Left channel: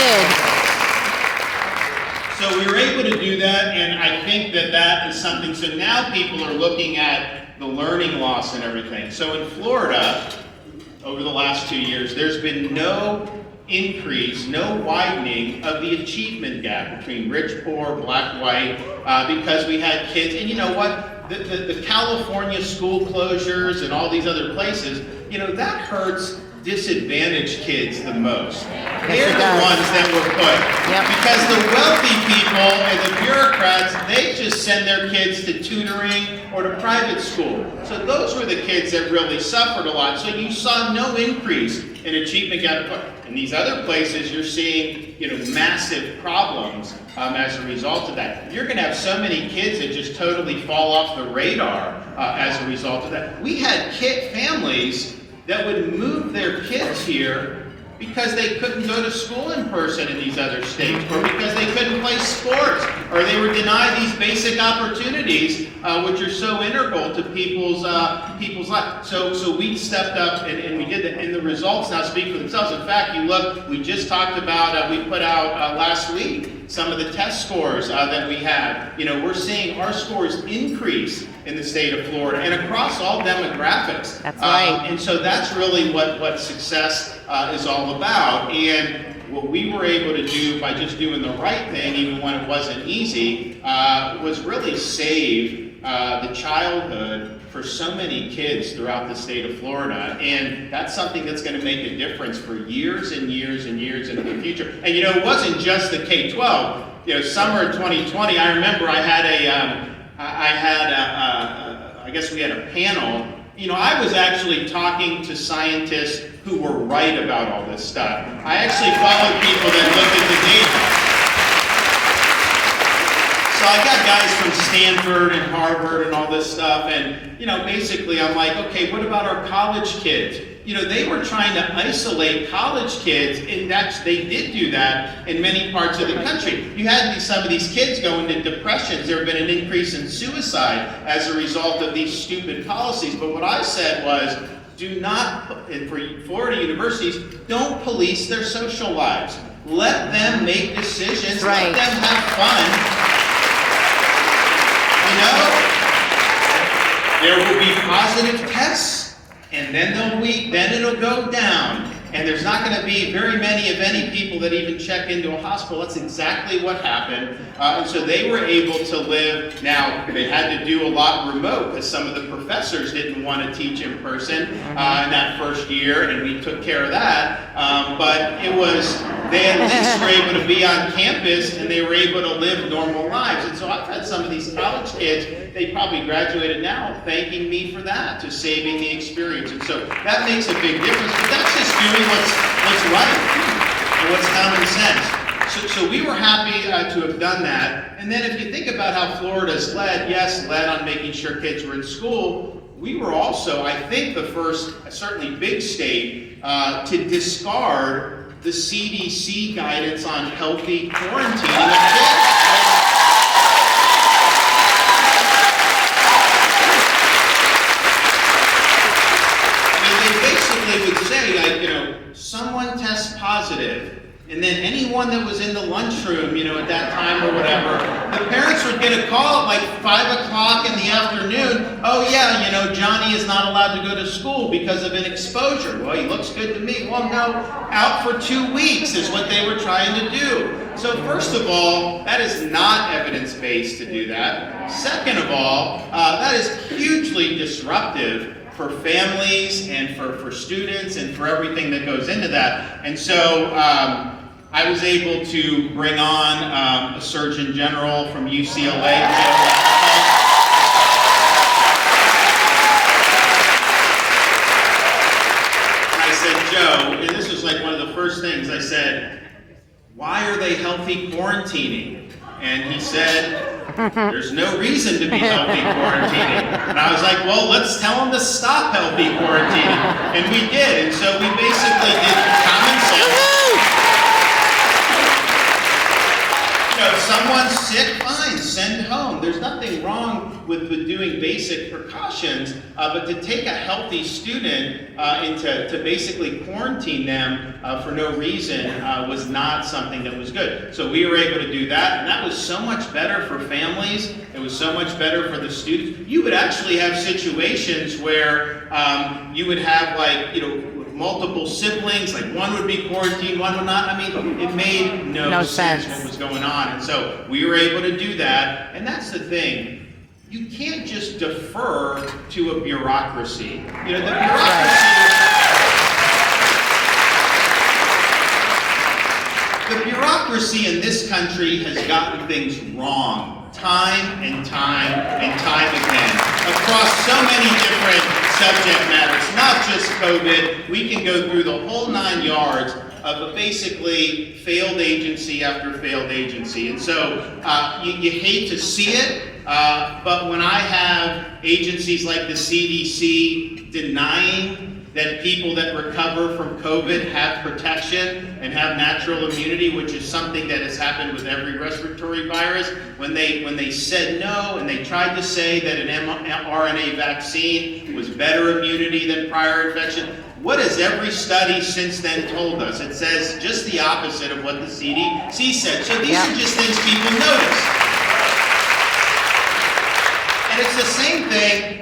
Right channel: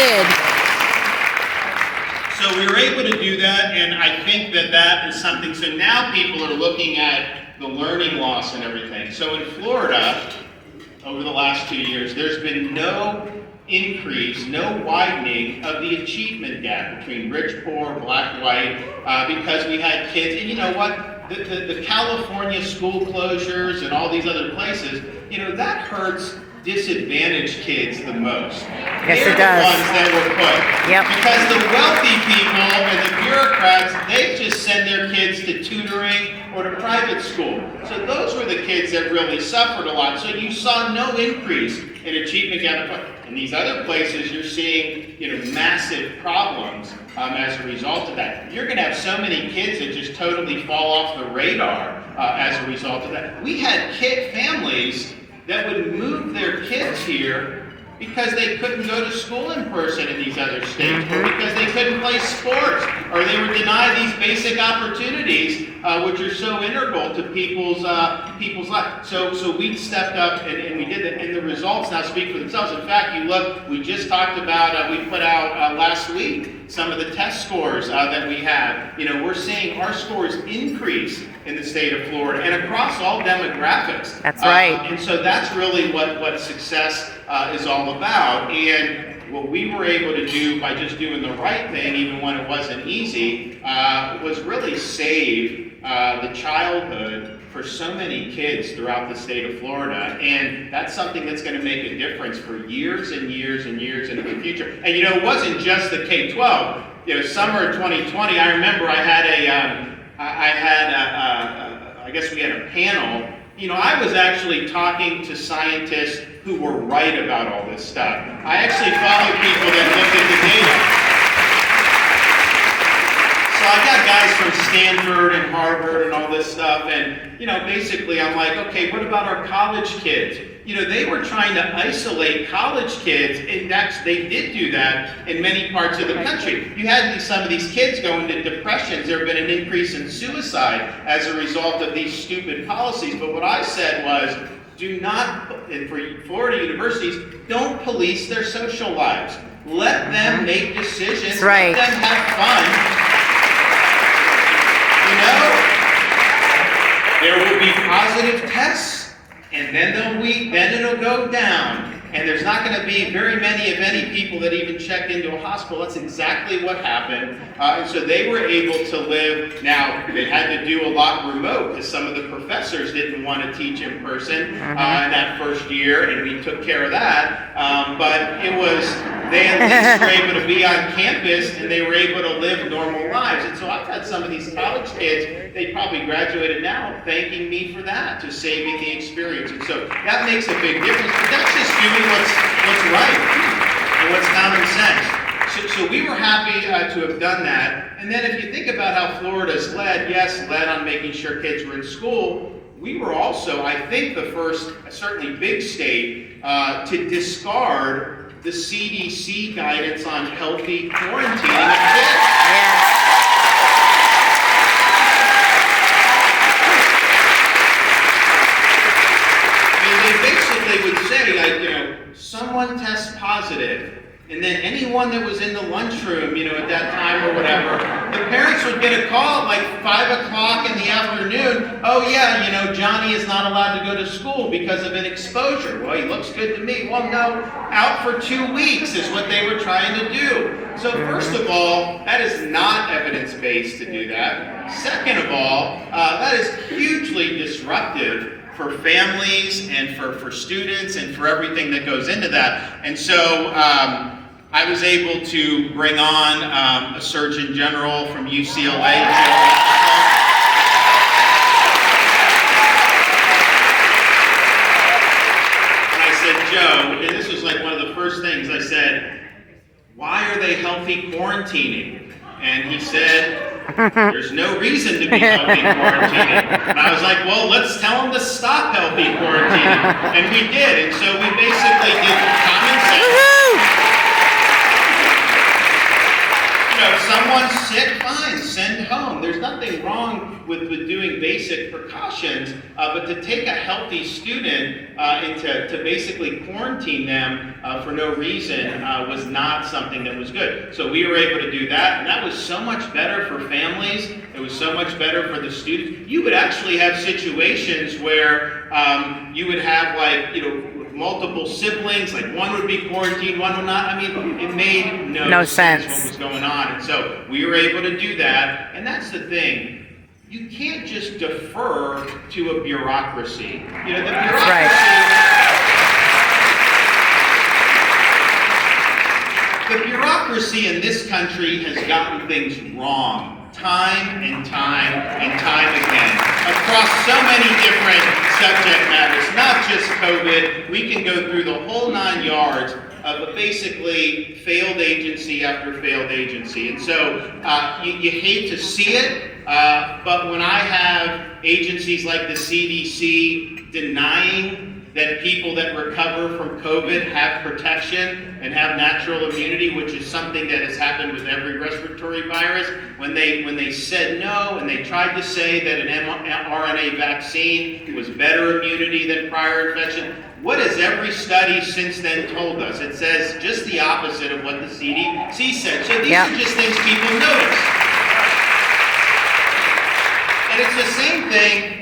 good. So we were able to do that, and I think that that is something, so now people are looking at the learning loss and everything. So in Florida, over the last 2 years, there's been no increase, no widening of the achievement gap between rich, poor, black, white, because we had kids, and you know what? The California school closures and all these other places, you know, that hurts disadvantaged kids the most. Yes, They're it does. the ones that were put. Yep. Because the wealthy people and the bureaucrats, they just send their kids to tutoring or to private school. So those were the kids that really suffered a lot. So you saw no increase in achievement gap. In these other places, you're seeing, you know, massive problems as a result of that. You're going to have so many kids that just totally fall off the radar as a result of that. We had families that would move their kids here because they couldn't go to school in person in these other states, or because they couldn't play sports, or they were denied these basic opportunities, which are so integral to people's life. So we stepped up and we did that, and the results now speak for themselves. In fact, you look, we just talked about, we put out last week some of the test scores that we have. You know, we're seeing our scores increase in the state of Florida and across all demographics. That's right. And so that's really what success is all about. And what we were able to do by just doing the right thing, even when it wasn't easy, was really save the childhood for so many kids throughout the state of Florida. And that's something that's going to make a difference for years and years and years into the future. And you know, it wasn't just the K-12. You know, summer 2020, I remember I guess we had a panel. You know, I was actually talking to scientists who were right about all this stuff. I actually followed people that looked at the data. So I got guys from Stanford and Harvard and all this stuff, and, you know, basically I'm like, okay, what about our college kids? You know, they were trying to isolate college kids, and they did do that in many parts of the country. You had some of these kids go into depressions. There have been an increase in suicide as a result of these stupid policies. But what I said was, do not, and for Florida universities, don't police their social lives. Let them make decisions. Right. Let them have fun. You know, there will be positive tests, and then it'll go down. And there's not going to be very many, if any, people that even checked into a hospital. That's exactly what happened. And so they were able to live. Now, they had to do a lot remote because some of the professors didn't want to teach in person in that first year, and we took care of that. But it was, they at least were able to be on campus, and they were able to live normal lives. And so I've had some of these college kids, they probably graduated now, thanking me for that, just saving the experience. And so that makes a big difference. But that's just doing what's right and what's common sense. So we were happy to have done that. And then if you think about how Florida's led on making sure kids were in school, we were also, I think, the first, certainly big state, to discard the CDC guidance on healthy quarantining of kids. Would say, like, you know, someone tests positive, and then anyone that was in the lunchroom, you know, at that time or whatever, the parents would get a call at like 5 o'clock in the afternoon. Oh yeah, you know, Johnny is not allowed to go to school because of an exposure. Well, he looks good to me. Well, no, out for 2 weeks is what they were trying to do. So first of all, that is not evidence-based to do that. Second of all, that is hugely disruptive for families and for students and for everything that goes into that. And so I was able to bring on a Surgeon General from UCLA. And I said, Joe, and this was like one of the first things I said, why are they healthy quarantining? And he said, there's no reason to be healthy quarantining. And I was like, well, let's tell them to stop healthy quarantining. And we did. And so we basically did common sense. You know, some someone's sick, fine, send home. There's nothing wrong with doing basic precautions, but to take a healthy student and to basically quarantine them for no reason was not something that was good. So we were able to do that, and that was so much better for families. It was so much better for the students. You would actually have situations where you would have, like, multiple siblings, like one would be quarantined, one would not. I mean, it made no sense what was going on. And so we were able to do that, and that's the thing. You can't just defer to a bureaucracy. The bureaucracy in this country has gotten things wrong time and time and time again across so many different subject matters, not just COVID. We can go through the whole 9 yards of basically failed agency after failed agency. And so you hate to see it, but when I have agencies like the CDC denying that people that recover from COVID have protection and have natural immunity, which is something that has happened with every respiratory virus, when they said no and they tried to say that an mRNA vaccine was better immunity than prior infection, what has every study since then told us? It says just the opposite of what the CDC said. So these are just things people notice. And it's the same thing